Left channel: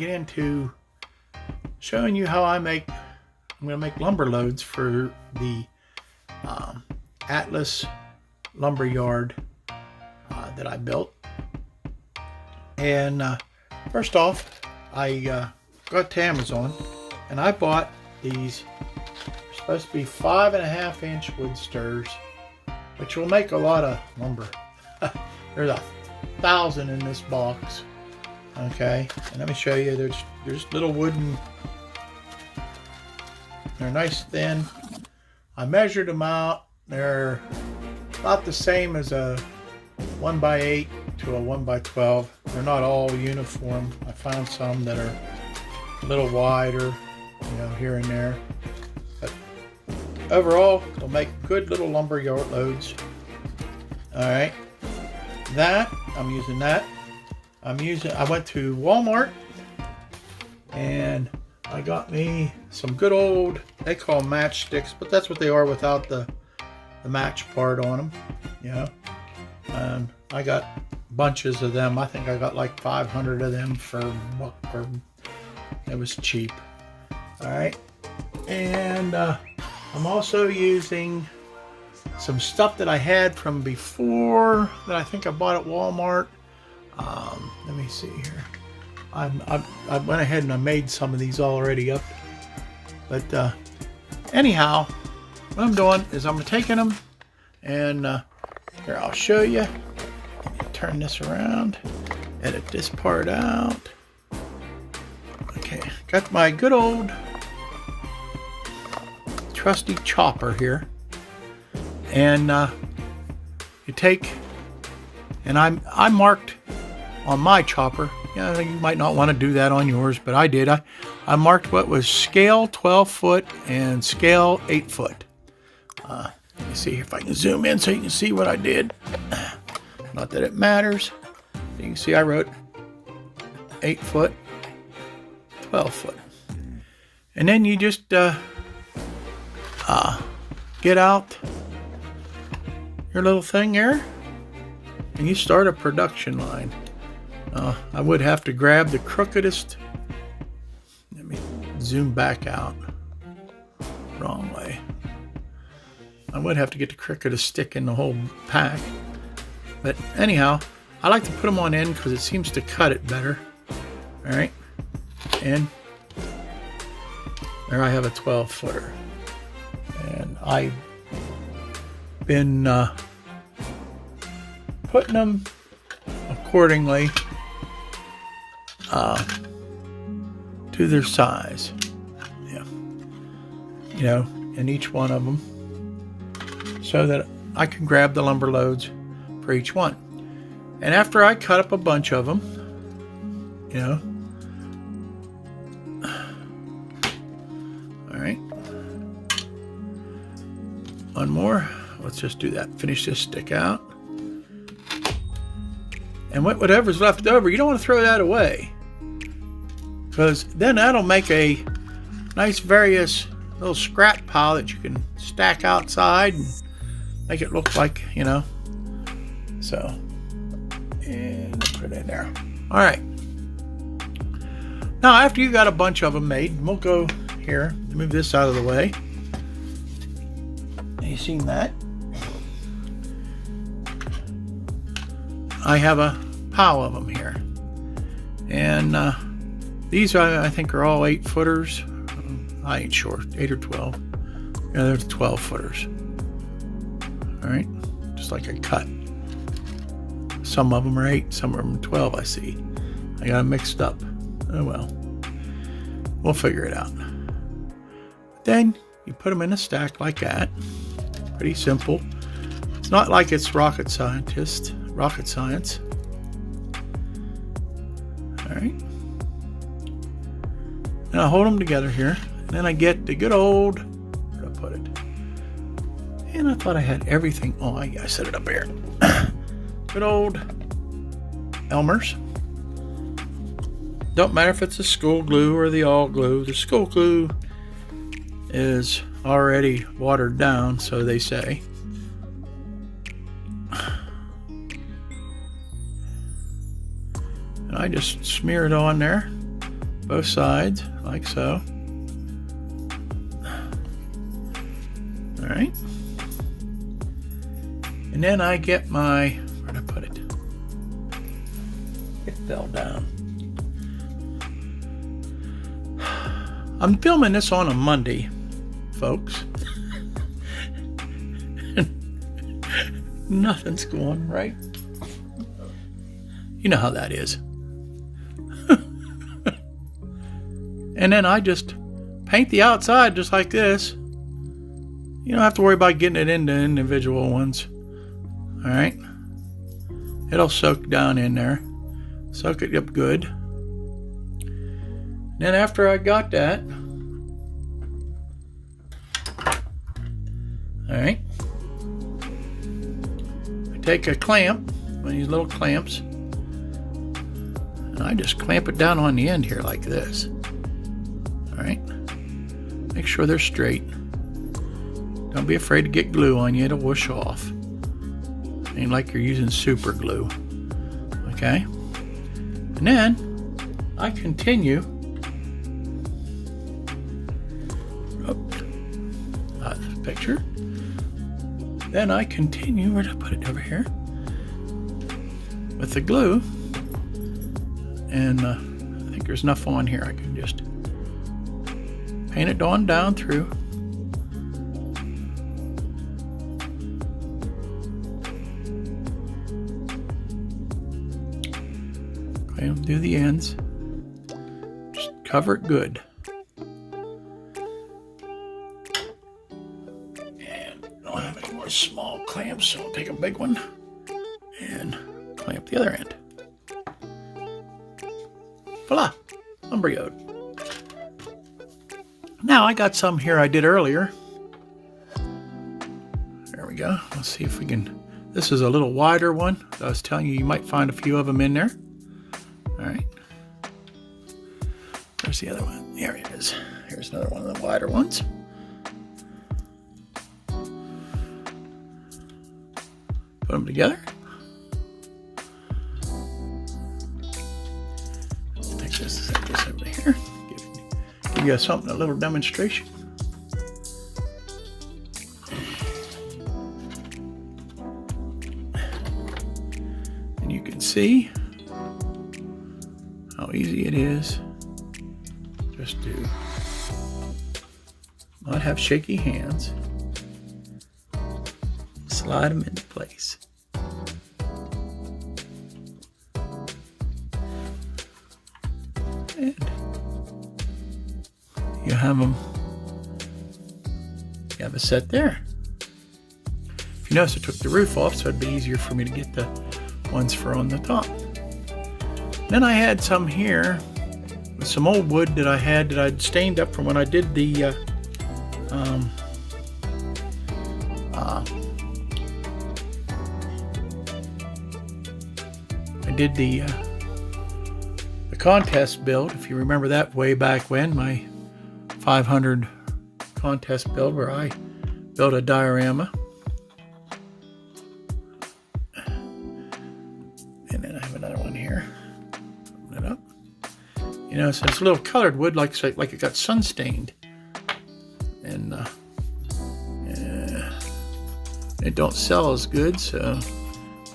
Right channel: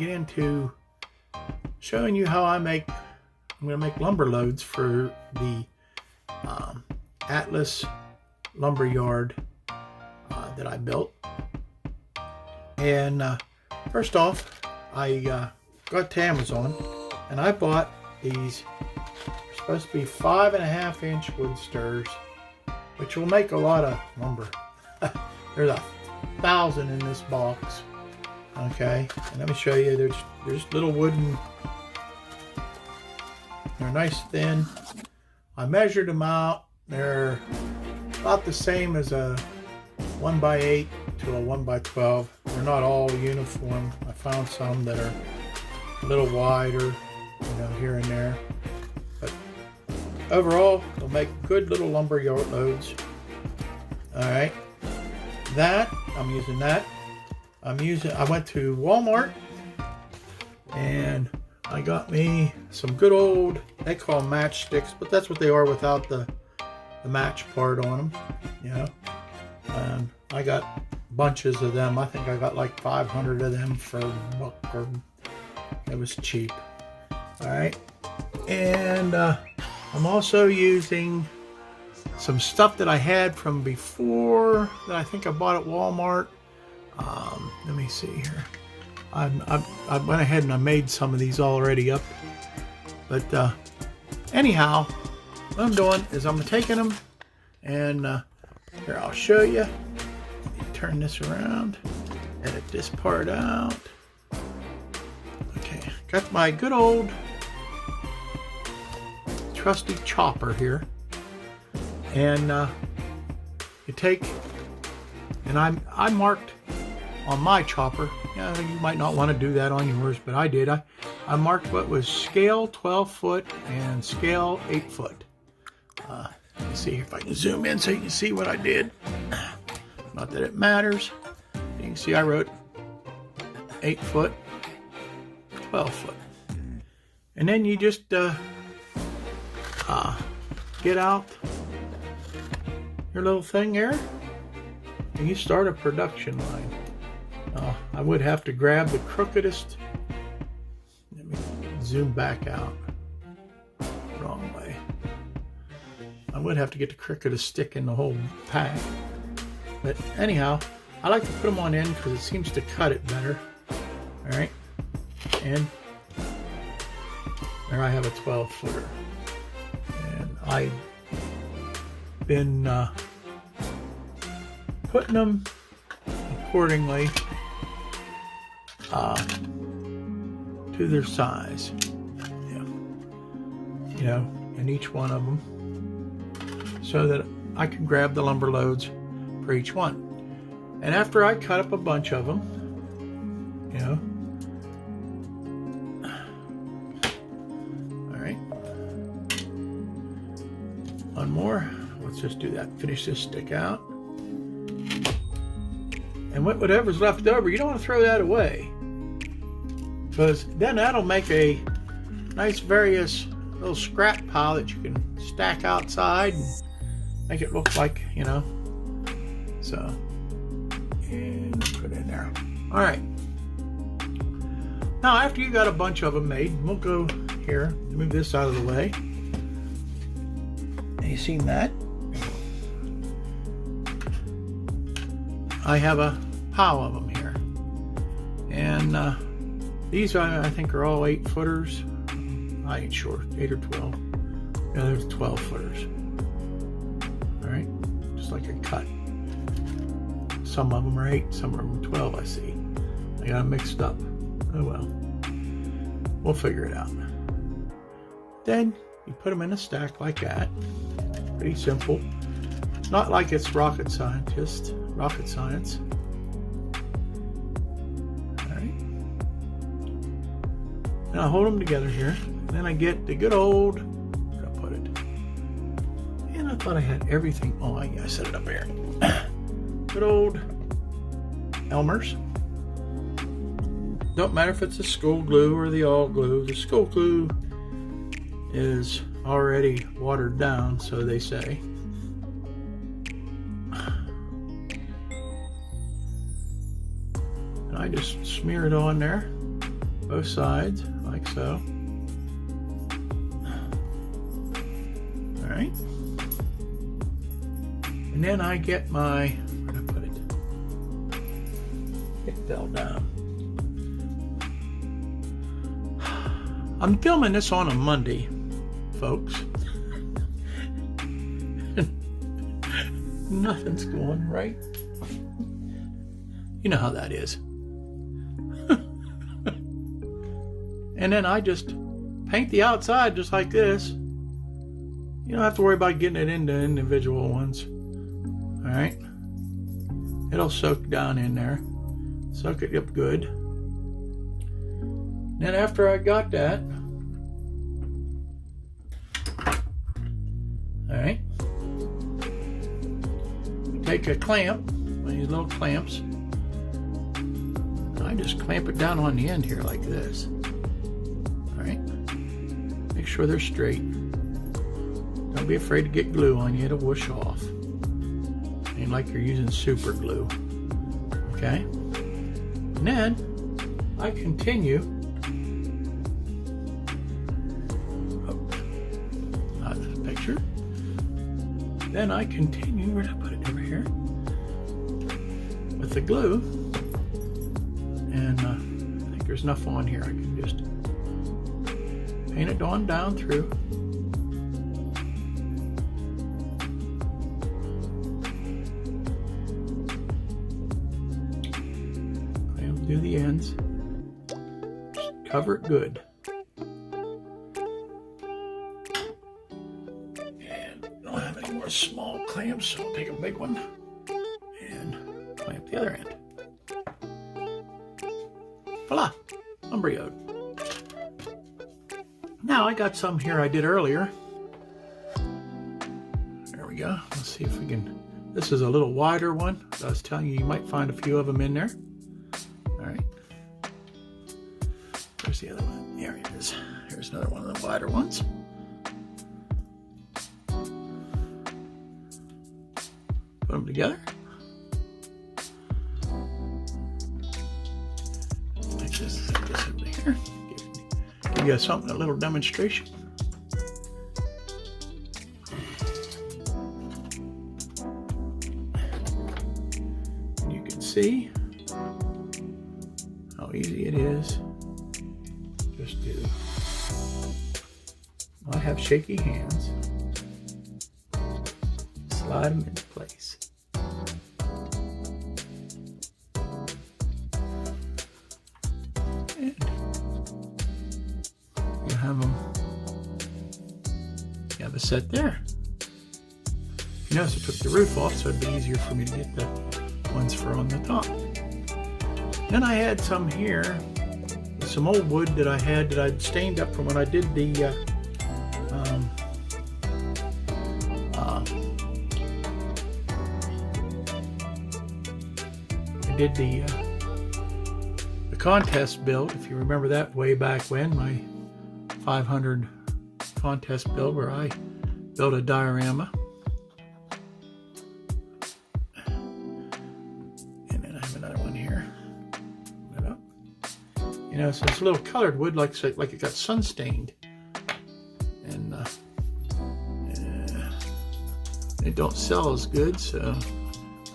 get into showing you how I'm going to make lumber loads for the Atlas lumber yard that I built. And first off, I got to Amazon and I bought these. They're supposed to be 5.5 inch wood stirrers, which will make a lot of lumber. There's 1,000 in this box. Okay, and let me show you. There's little wooden. They're nice thin. I measured them out. They're about the same as a 1x8 to a 1x12. They're not all uniform. I found some that are a little wider, you know, here and there. But overall, they'll make good little lumber yard loads. All right, I'm using that. I went to Walmart and I got me some good old, they call them matchsticks, but that's what they are without the match part on them, you know. And I got bunches of them. I think I got like 500 of them for $1, or it was cheap. All right, and I'm also using some stuff that I had from before that I think I bought at Walmart. Let me see here. I went ahead and I made some of these already up. But anyhow, what I'm doing is I'm taking them and here, I'll show you. Let me turn this around, edit this part out. Okay, got my good old trusty chopper here. And you take, and I marked on my chopper. Yeah, you might not want to do that on yours, but I did. I marked what was scale 12 foot and scale 8 foot. Let me see if I can zoom in so you can see what I did. Not that it matters. You can see I wrote 8 foot, 12 foot. And then you just get out your little thing here and you start a production line. I would have to grab the crookedest. Let me zoom back out. Wrong way. I would have to get the crookedest stick in the whole pack. But anyhow, I like to put them on end because it seems to cut it better. All right. And there I have a 12 footer. And I've been putting them accordingly to their size. Yeah. You know, in each one of them, so that I can grab the lumber loads for each one. And after I cut up a bunch of them, you know, all right, one more. Let's just do that. Finish this stick out. And whatever's left over, you don't want to throw that away, because then that'll make a nice various little scrap pile that you can stack outside and make it look like, you know. So, and put it in there. All right. Now, after you got a bunch of them made, we'll go here, move this out of the way. You seen that? I have a pile of them here, and these I think are all 8 footers. I ain't sure, 8 or 12. Yeah, they're 12 footers. All right, just like I cut. Some of them are 8, some of them are 12. I see. I got them mixed up. Oh well, we'll figure it out. Then you put them in a stack like that. Pretty simple. It's not like it's rocket science. All right. And I hold them together here. And then I get the good old, where did I put it? And I thought I had everything. Oh, I set it up here. Good old Elmer's. Don't matter if it's the school glue or the all glue. The school glue is already watered down, so they say. And I just smear it on there. both sides, like so. All right. And then I get my, where'd I put it? It fell down. I'm filming this on a Monday, folks. Nothing's going right. You know how that is. And then I just paint the outside just like this. You don't have to worry about getting it into individual ones. All right. It'll soak down in there. Soak it up good. Then after I got that, all right, I take a clamp, one of these little clamps, and I just clamp it down on the end here like this. All right, make sure they're straight. Don't be afraid to get glue on you, it'll whoosh off. Ain't like you're using super glue. Okay, and then I continue. Picture. Then I continue, where did I put it, over here, with the glue, and I think there's enough on here. I can just paint it on down through. Okay, do the ends. Just cover it good. Small clamps, so I'll take a big one and clamp the other end. Voila, embryoed. Now I got some here I did earlier. There we go. Let's see if we can. This is a little wider one. I was telling you, you might find a few of them in there. All right. Where's the other one? There it is. Here's another one of the wider ones. Put them together. Take this, set this over here. Give you something, a little demonstration. And you can see how easy it is. Just to not have shaky hands. Slide them into place. And you have them. You have a set there. You notice I took the roof off, so it'd be easier for me to get the ones for on the top. Then I had some here, some old wood that I had that I'd stained up from when I did the the contest build, if you remember that way back when, my 500 contest build where I built a diorama. And then I have another one here. Open it up. You know, so it's a little colored wood, like it got sun stained. And it don't sell as good, so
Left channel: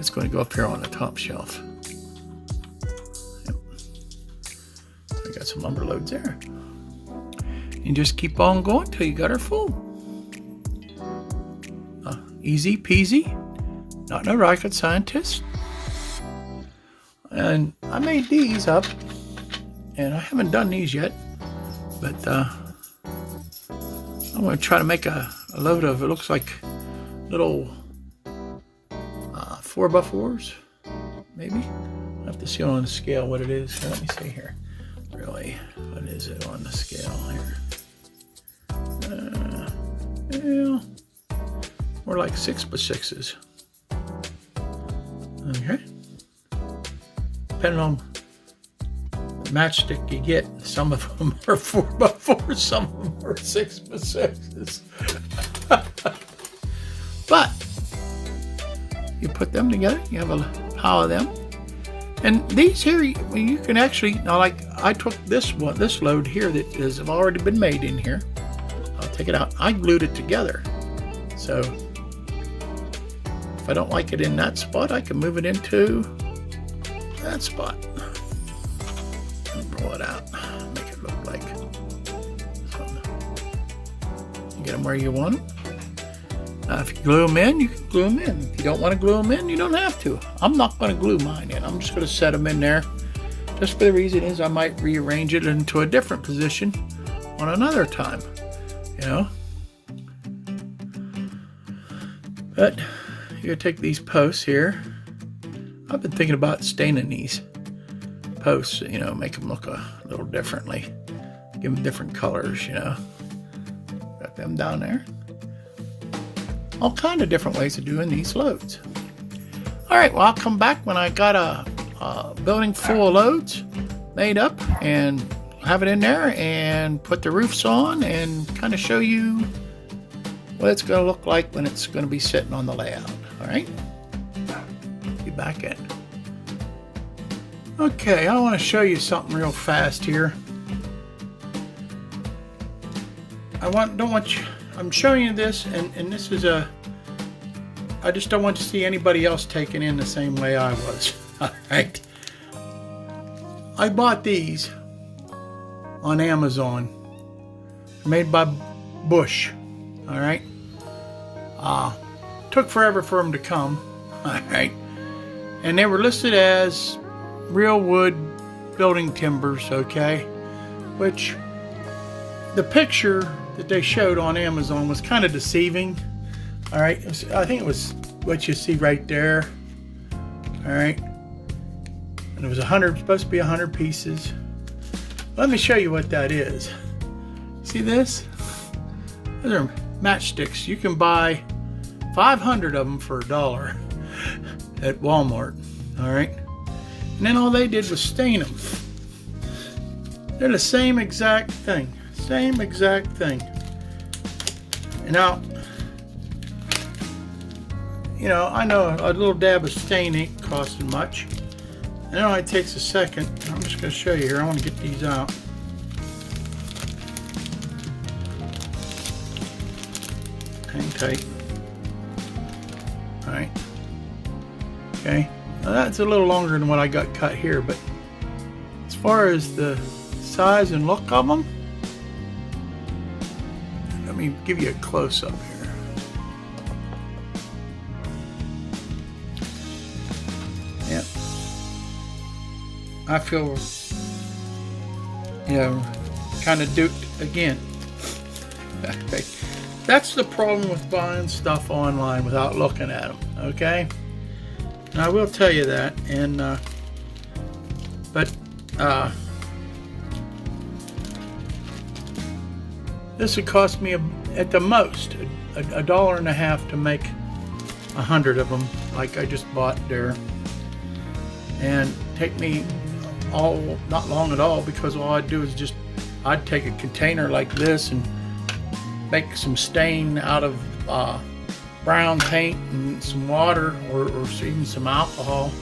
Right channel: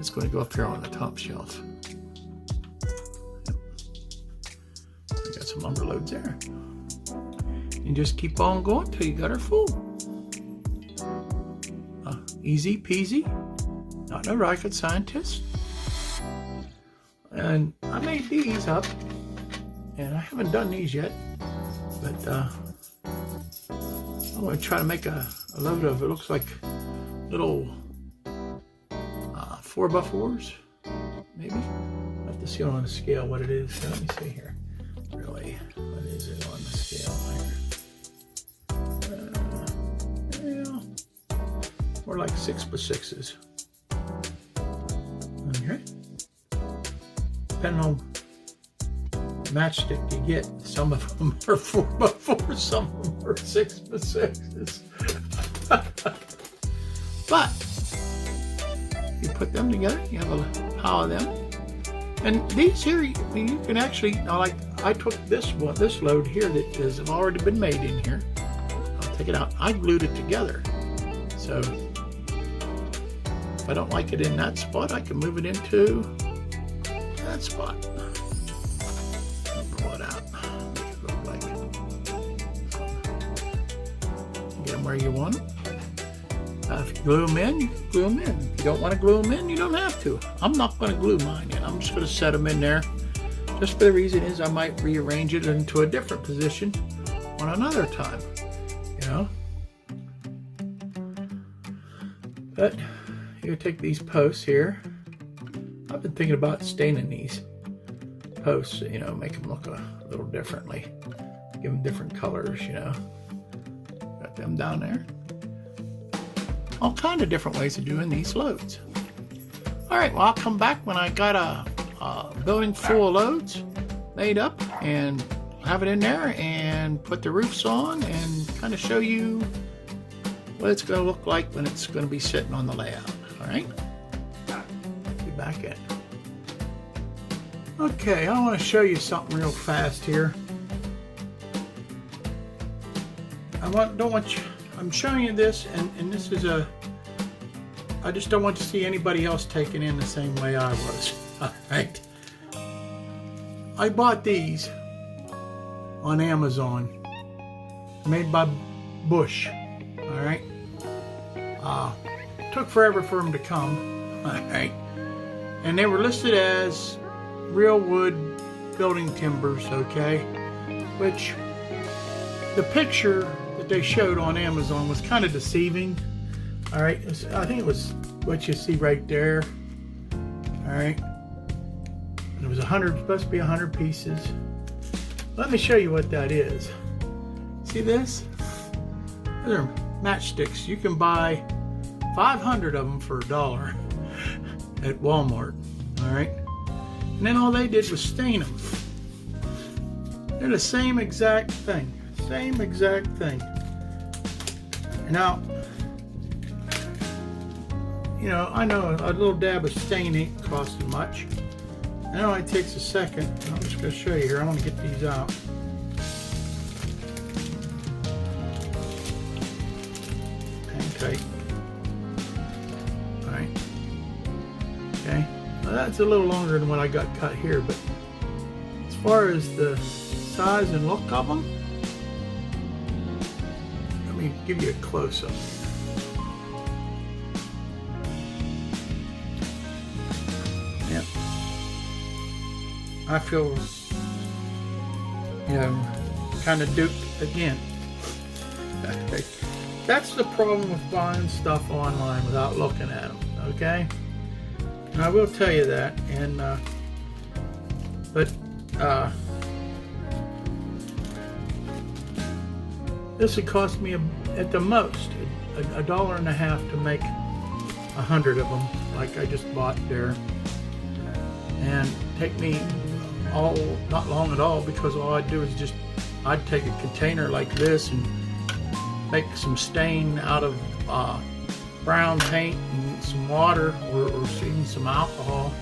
it's going to go up here on the top shelf. Some lumber loads there. You just keep on going till you got her full. Easy peasy, not no rocket scientist. And I made these up, and I haven't done these yet, but I'm going to try to make a load of, it looks like little 4x4s, maybe. I have to see on the scale what it is. So let me see here. Really, what is it on the scale here? Well, more like 6x6s. Okay. Depending on the matchstick you get, some of them are 4x4s, some of them are 6x6s. But you put them together, you have a pile of them, And these here, you can actually, like I took this load here that has already been made in here. I'll take it out. I glued it together. So if I don't like it in that spot, I can move it into that spot. Pull it out. Make it look like. Get them where you want them. If you glue them in, you can glue them in. If you don't want to glue them in, you don't have to. I'm not going to glue mine in. I'm just going to set them in there. Just for the reason is I might rearrange it into a different position on another time. You know? But you take these posts here. I've been thinking about staining these posts, you know, make them look a little differently. Give them different colors, you know. Got them down there. All kind of different ways of doing these loads. All right, well, I'll come back when I got a building full of loads made up and have it in there and put the roofs on and kind of show you what it's going to look like when it's going to be sitting on the layout. All right, be back in. Okay, I want to show you something real fast here. I'm showing you this, and this is I just don't want to see anybody else taken in the same way I was. All right. I bought these on Amazon, made by Bush. All right. Took forever for them to come. All right. And they were listed as real wood building timbers, okay? Which the picture that they showed on Amazon was kind of deceiving. All right, I think it was what you see right there. All right, and it was supposed to be 100 pieces. Let me show you what that is. See this? Those are matchsticks. You can buy 500 of them for $1 at Walmart. All right, and then all they did was stain them. They're the same exact thing. Same exact thing. And now, you know, I know a little dab of stain ain't costing much. I know it takes a second. I'm just going to show you here. I want to get these out. Hang tight. All right. Okay. Now that's a little longer than what I got cut here, but as far as the size and look of them, let me give you a close-up here. Yeah. I feel, you know, kind of duped again. Okay. That's the problem with buying stuff online without looking at them, okay? And I will tell you that, and this would cost me at the most $1.50 to make 100 of them, like I just bought there, and take me not long at all, because all I'd do is I'd take a container like this and make some stain out of brown paint and some water, or even some alcohol.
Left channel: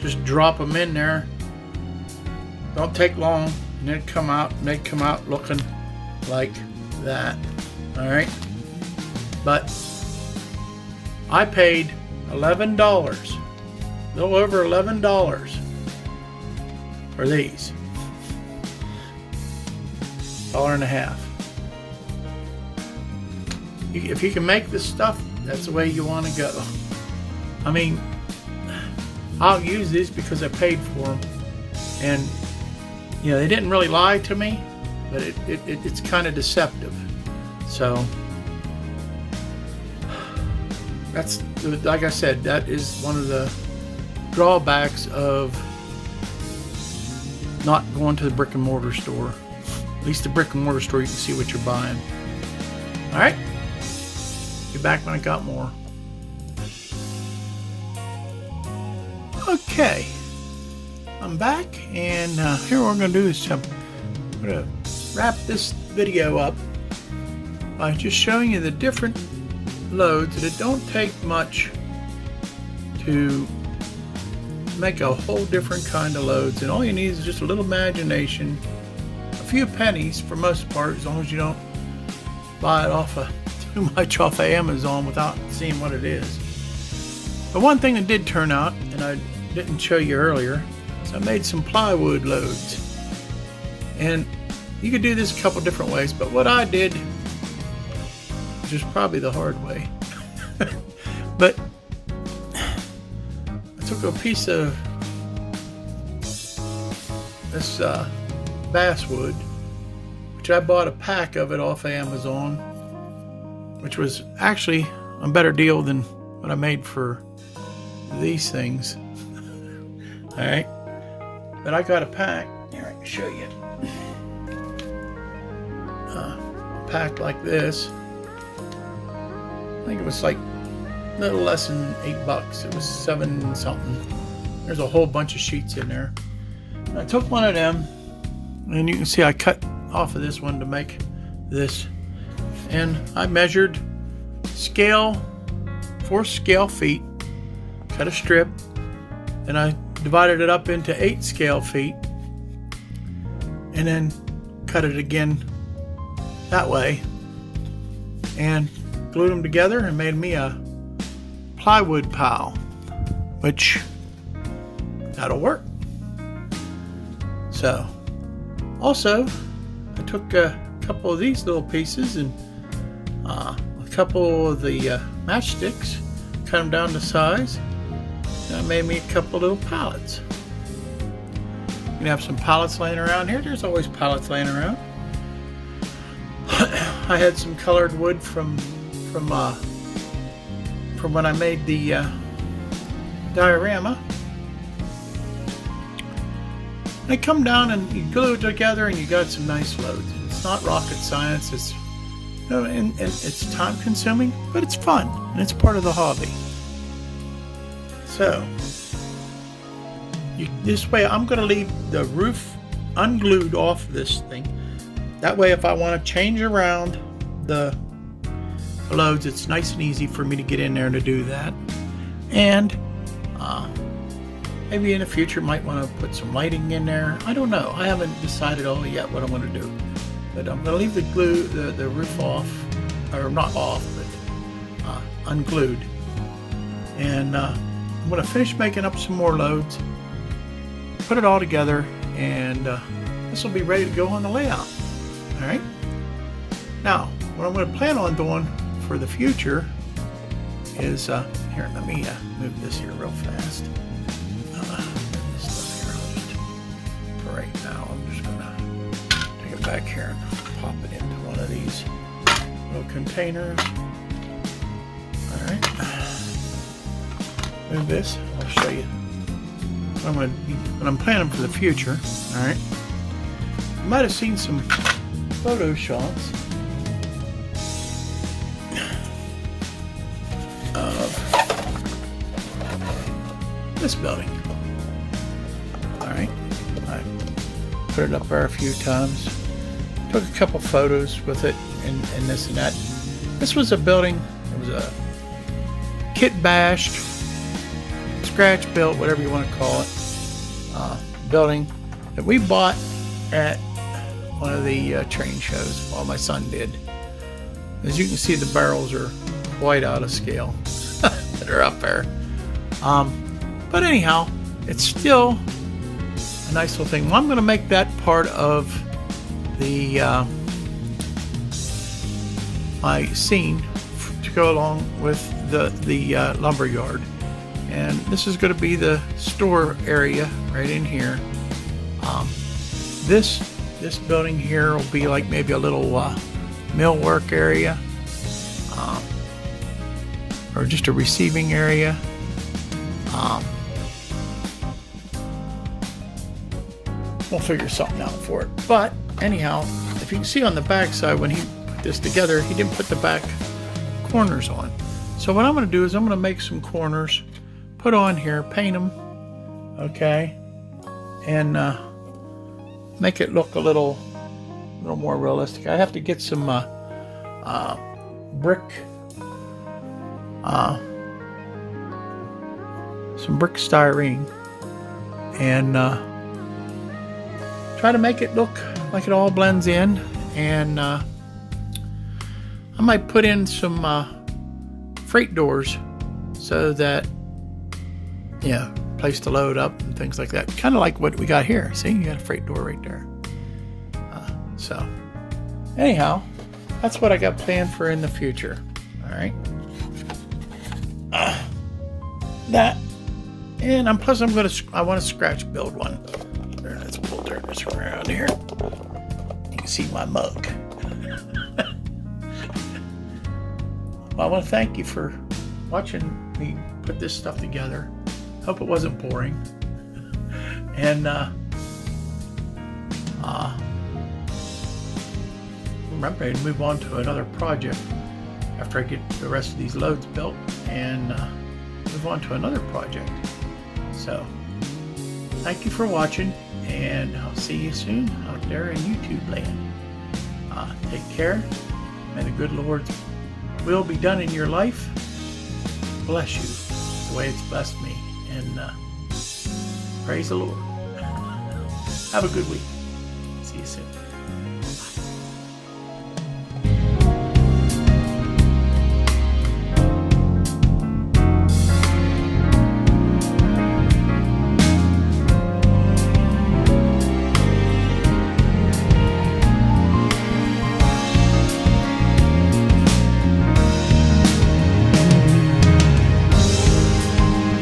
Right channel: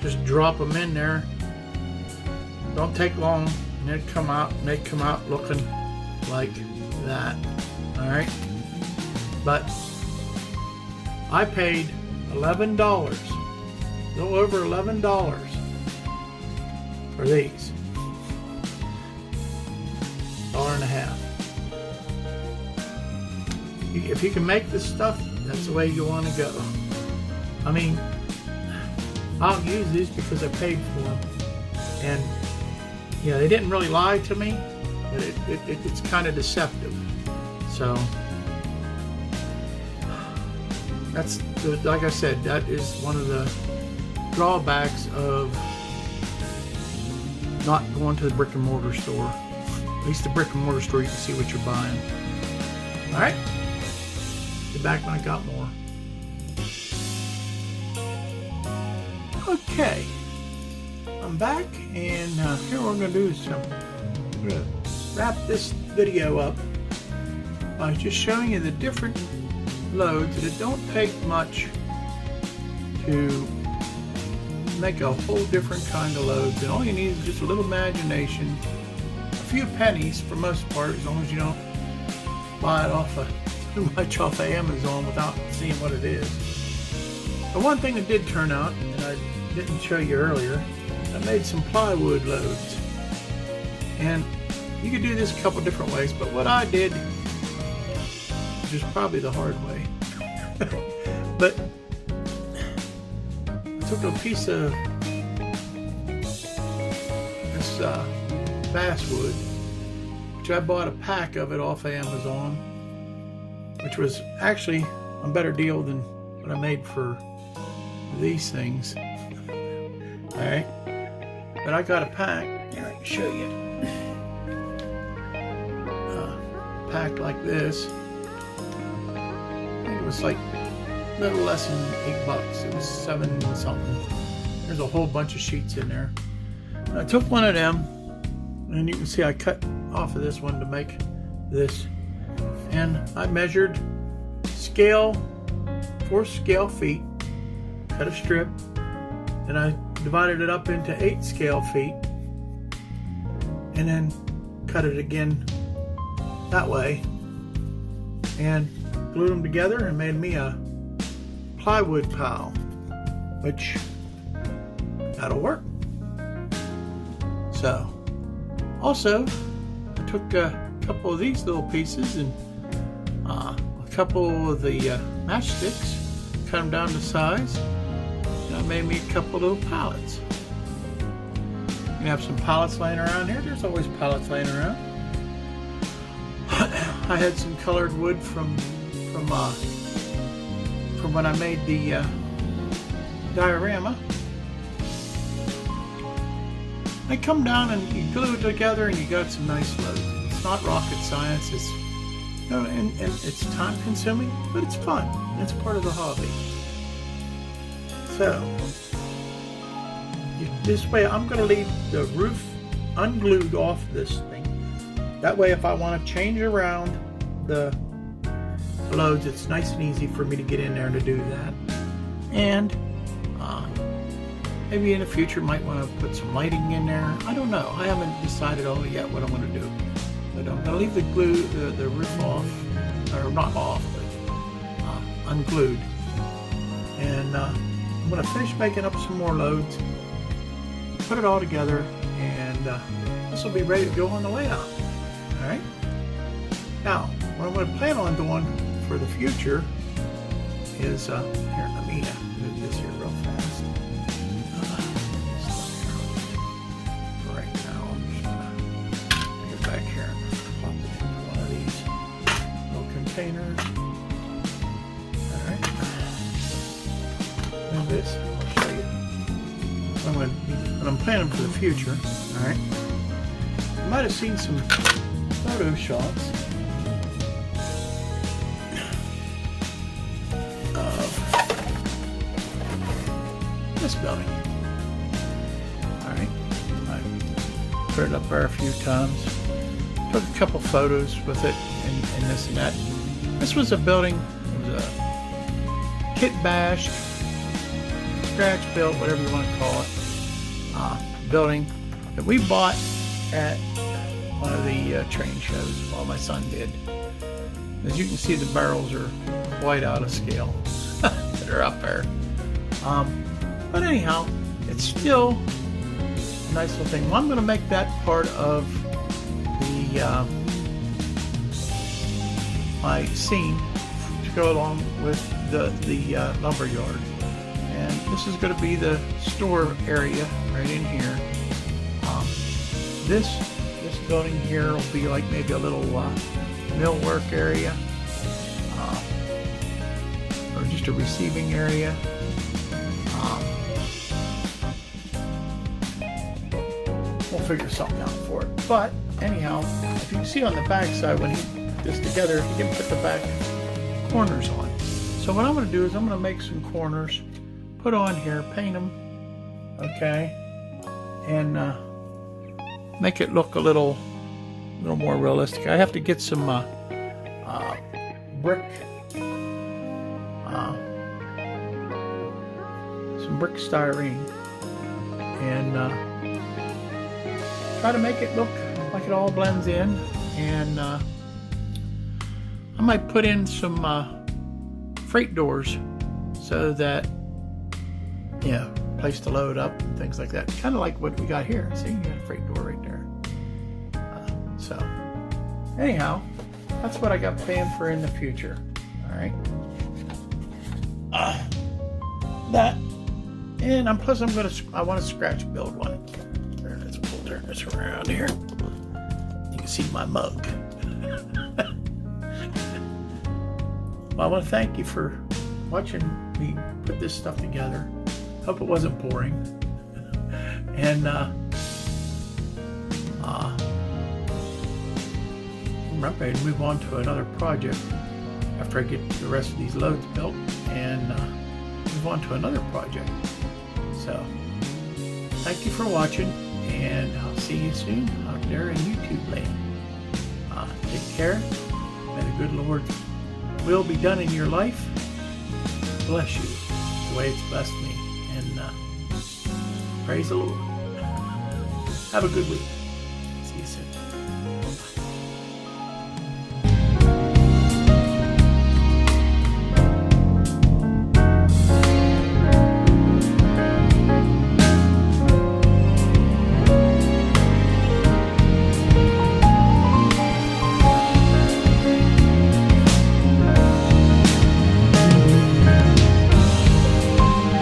Just drop them in there. Don't take long, and they'd come out looking like that. All right, but I paid $11, a little over $11 for these. $1.50. If you can make this stuff, that's the way you want to go. I mean, I'll use these because I paid for them, and yeah, they didn't really lie to me, but it's kind of deceptive. So that's, like I said, that is one of the drawbacks of not going to the brick and mortar store. At least the brick and mortar store, you can see what you're buying. All right, get back when I got more. Okay, I'm back, and here what we're going to do is I'm going to wrap this video up by just showing you the different loads that it don't take much to make a whole different kind of loads, and all you need is just a little imagination, a few pennies for most part, as long as you don't buy it too much off of Amazon without seeing what it is. But one thing that did turn out, and I didn't show you earlier, is I made some plywood loads. And you could do this a couple different ways, but what I did, which is probably the hard way, but I took a piece of this basswood, which I bought a pack of it off Amazon, which was actually a better deal than what I made for these things. Alright, but I got a pack, here I can show you, a pack like this. I think it was like a little less than $8. It was 7 something. There's a whole bunch of sheets in there. And I took one of them, and you can see I cut off of this one to make this, and I measured scale 4 scale feet, cut a strip, and I divided it up into 8 scale feet, and then cut it again that way, and glued them together and made me a plywood pile, which that'll work. So also I took a couple of these little pieces and a couple of the matchsticks, cut them down to size, and I made me a couple of little pallets. You can have some pallets laying around here. There's always pallets laying around. I had some colored wood from when I made the diorama. They come down and you glue it together and you got some nice loads. It's not rocket science. It's and it's time consuming, but it's fun and it's part of the hobby. So this way, I'm going to leave the roof unglued off this thing. That way, if I want to change around the loads, it's nice and easy for me to get in there to do that. And maybe in the future might want to put some lighting in there. I don't know. I haven't decided all yet what I'm going to do. But I'm going to leave the roof off, or not off, but unglued. And I'm going to finish making up some more loads, put it all together, and this will be ready to go on the layout. All right. Now, what I'm going to plan on doing for the future is here. Let me move this here real fast. Right now, I'm just going to take it back here and pop it into one of these little containers. All right. Move this. I'll show you. What I'm planning for the future. All right. You might have seen some photo shots of this building. Alright, I put it up there a few times, took a couple photos with it and this and that. This was a building, it was a kit bashed, scratch built, whatever you want to call it, building that we bought at one of the train shows. Well, my son did. As you can see, the barrels are quite out of scale. They're up there. But anyhow, it's still a nice little thing. Well, I'm going to make that part of the my scene to go along with the lumber yard. And this is going to be the store area right in here. This building here will be like maybe a little millwork area, or just a receiving area. We'll figure something out for it. But anyhow, if you can see on the back side, when he put this together, he didn't put the back corners on. So what I'm going to do is I'm going to make some corners, put on here, paint them, okay, and make it look a little more realistic. I have to get some brick styrene, and try to make it look like it all blends in. And I might put in some freight doors so that, yeah, place to load up and things like that. Kind of like what we got here. See, you got a freight door right there. So anyhow, that's what I got planned for in the future. All right. That, and I want to scratch build one. There, let's turn this around here. You can see my mug. Well, I want to thank you for watching me put this stuff together. Hope it wasn't boring. And I'm ready to move on to another project after I get the rest of these loads built, and move on to another project. So thank you for watching, and I'll see you soon out there in YouTube land. Take care. May the good Lord's will be done in your life. Bless you the way it's blessed me, and praise the Lord. Have a good week. See you soon.